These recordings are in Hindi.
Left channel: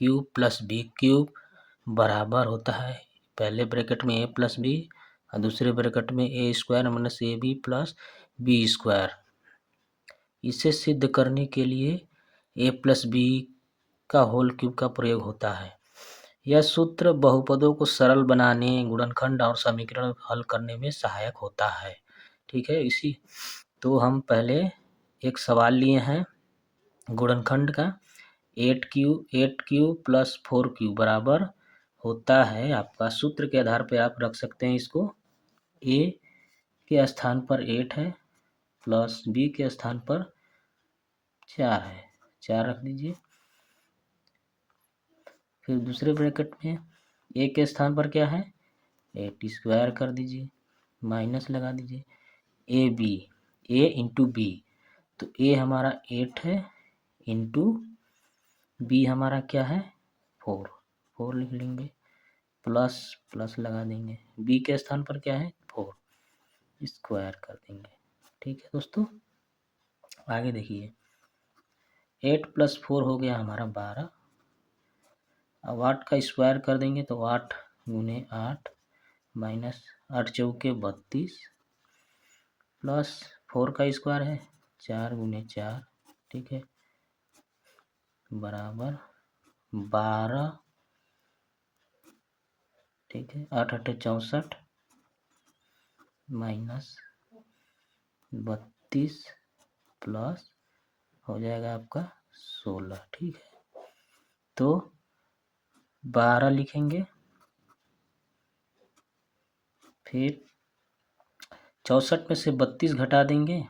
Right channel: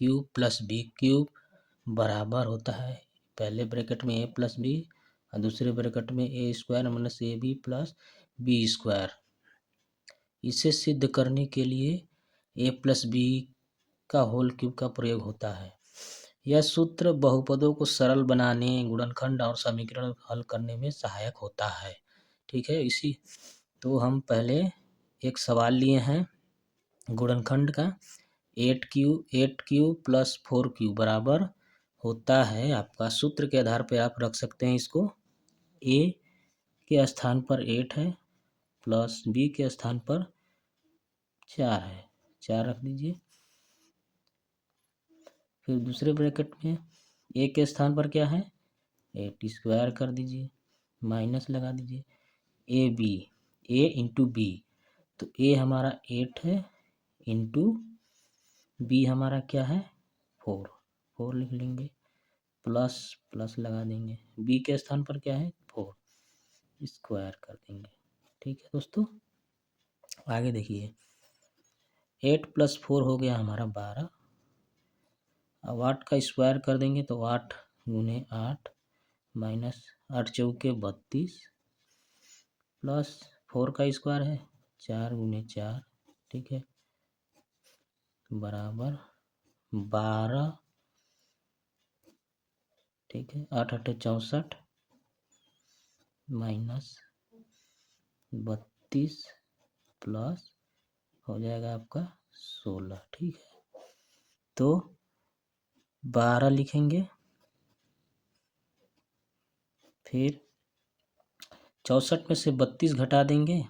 क्यूब प्लस बी क्यूब बराबर होता है पहले ब्रैकेट में ए प्लस बी और दूसरे ब्रैकेट में A square minus A B plus B square. इसे सिद्ध करने के लिए ए प्लस बी का होल क्यूब का प्रयोग होता है। यह सूत्र बहुपदों को सरल बनाने, गुणनखंड और समीकरण हल करने में सहायक होता है। ठीक है, इसी तो हम पहले एक सवाल लिए हैं गुणनखंड का 8 क्यू प्लस 4 क्यू बराबर होता है आपका, सूत्र के आधार पे आप रख सकते हैं इसको, ए के स्थान पर 8 है प्लस बी के स्थान पर 4 है, 4 रख दीजिए। फिर दूसरे ब्रैकेट में ए के स्थान पर क्या है 8 स्क्वायर कर दीजिए, माइनस लगा दीजिए, A B, A into B, तो ए हमारा 8 है इंटू बी हमारा क्या है 4 लिख लेंगे, प्लस प्लस लगा देंगे, बी के स्थान पर क्या है 4 स्क्वायर कर देंगे। ठीक है दोस्तों, आगे देखिए 8 प्लस 4 हो गया हमारा 12। अब 8 का स्क्वायर कर देंगे तो 8 गुने 8 माइनस 8 चौके 32 प्लस 4 का स्क्वायर है 4 गुने 4, ठीक है, बराबर 12, ठीक है, 8 8 64 माइनस 32 प्लस हो जाएगा आपका 16। ठीक है, तो 12 लिखेंगे, फिर 64 में से 32 घटा देंगे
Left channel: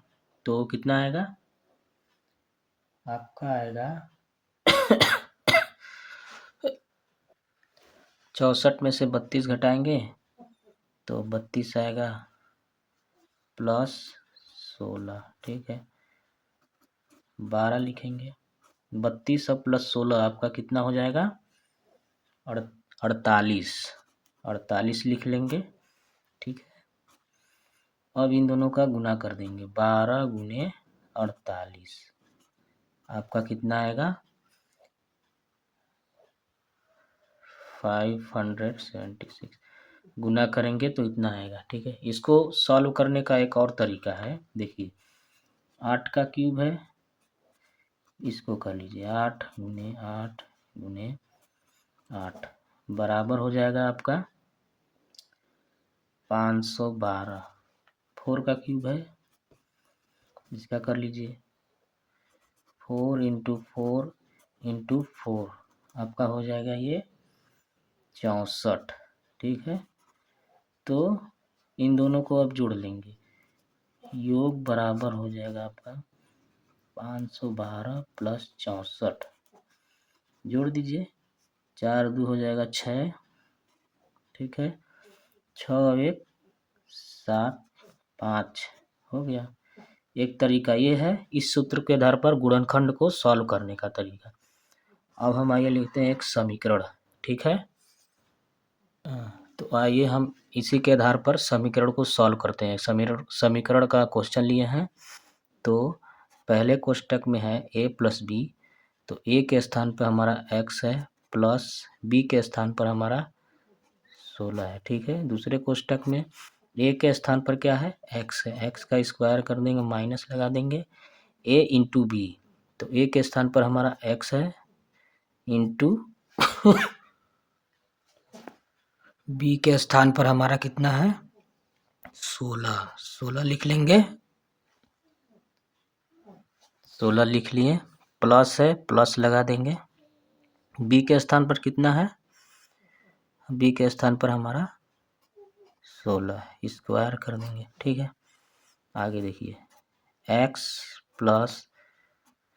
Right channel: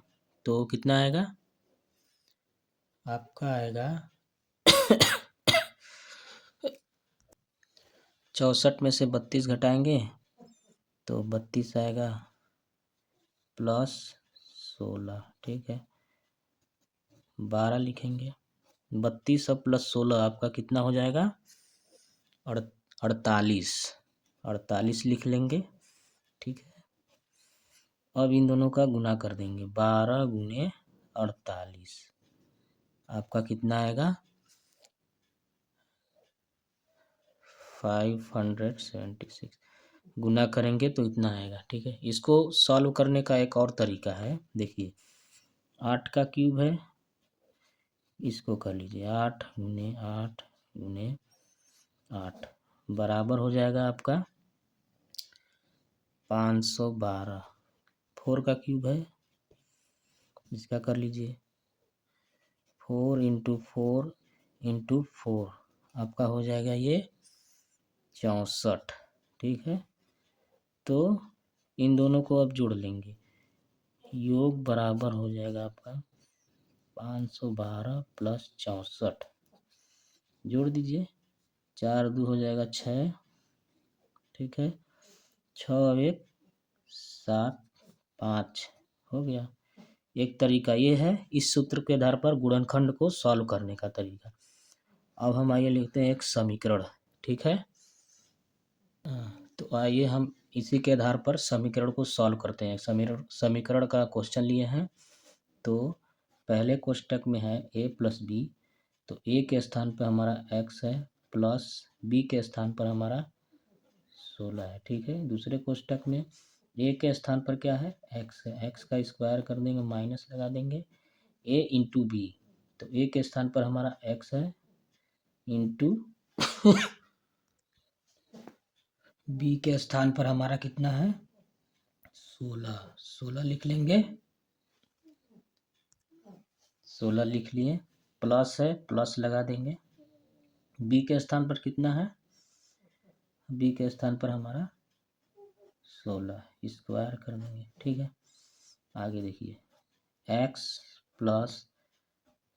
तो कितना आएगा आपका, आएगा 64 में से 32 घटाएंगे तो 32 आएगा प्लस 16। ठीक है, 12 लिखेंगे, 32 और प्लस 16 आपका कितना हो जाएगा 48, 48 लिख लेंगे। ठीक है, अब इन दोनों का गुना कर देंगे, 12 गुने 48 आपका कितना आएगा 576, गुना करेंगे तो इतना आएगा। ठीक है, इसको सॉल्व करने का एक और तरीका है, देखिए 8 का क्यूब है, इसको कर लीजिए 8 गुने 8 गुने 8 बराबर हो जाएगा आपका 512। 4 का क्यूब है, इसका कर लीजिए 4 इंटू 4 इंटू 4 आपका हो जाएगा ये 64। ठीक है, तो इन दोनों को अब जोड़ लेंगे, योग बराबर हो जाएगा आपका 512 प्लस 64, जोड़ दीजिए, 4 2 हो जाएगा 6, ठीक है, 6 1 7 5 हो गया। एक तरीका ये है इस सूत्र के आधार पर गुणनखंड को सॉल्व करने का तरीका। अब हम आइए लिखते हैं एक समीकरण। ठीक है, तो आइए हम इसी के आधार पर समीकरण को सॉल्व करते हैं। समीकरण का क्वेश्चन लिए हैं, तो पहले कोष्टक में है a प्लस बी, तो a के स्थान पर हमारा x है प्लस b के स्थान पर हमारा 16 है। ठीक है, दूसरे कोष्टक में a के स्थान पर क्या है x है, x का स्क्वायर कर देंगे, माइनस लगा देंगे, a इंटू बी, तो a के स्थान पर हमारा x है इंटू बी के स्थान पर हमारा कितना है 16 लिख लेंगे, 16 लिख लिए, प्लस है प्लस लगा देंगे, बी के स्थान पर कितना है, बी के स्थान पर हमारा 16 स्क्वायर कर देंगे। ठीक है, आगे देखिए x plus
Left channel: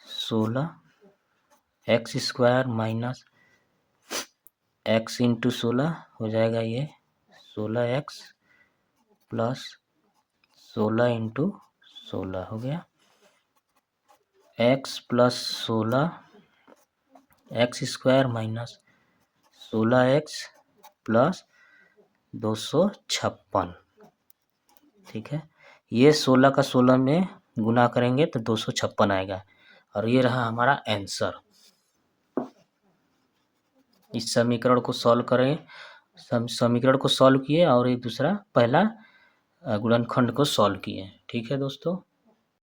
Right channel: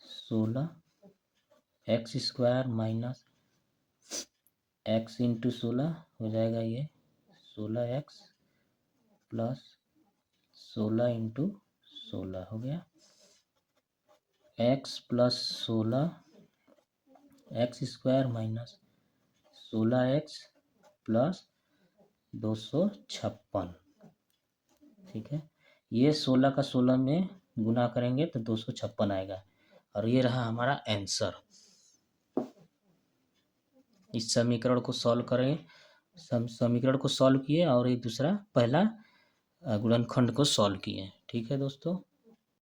16 x square minus x into 16 हो जाएगा ये 16x प्लस 16 इंटू 16 हो गया, x plus 16 x square minus 16x plus 256। ठीक है, ये 16 का 16 में गुना करेंगे तो 256 आएगा, और ये रहा हमारा आंसर। इस समीकरण को सॉल्व करें, समीकरण को सॉल्व किए और एक दूसरा पहला गुणनखंड को सॉल्व किए। ठीक है दोस्तों।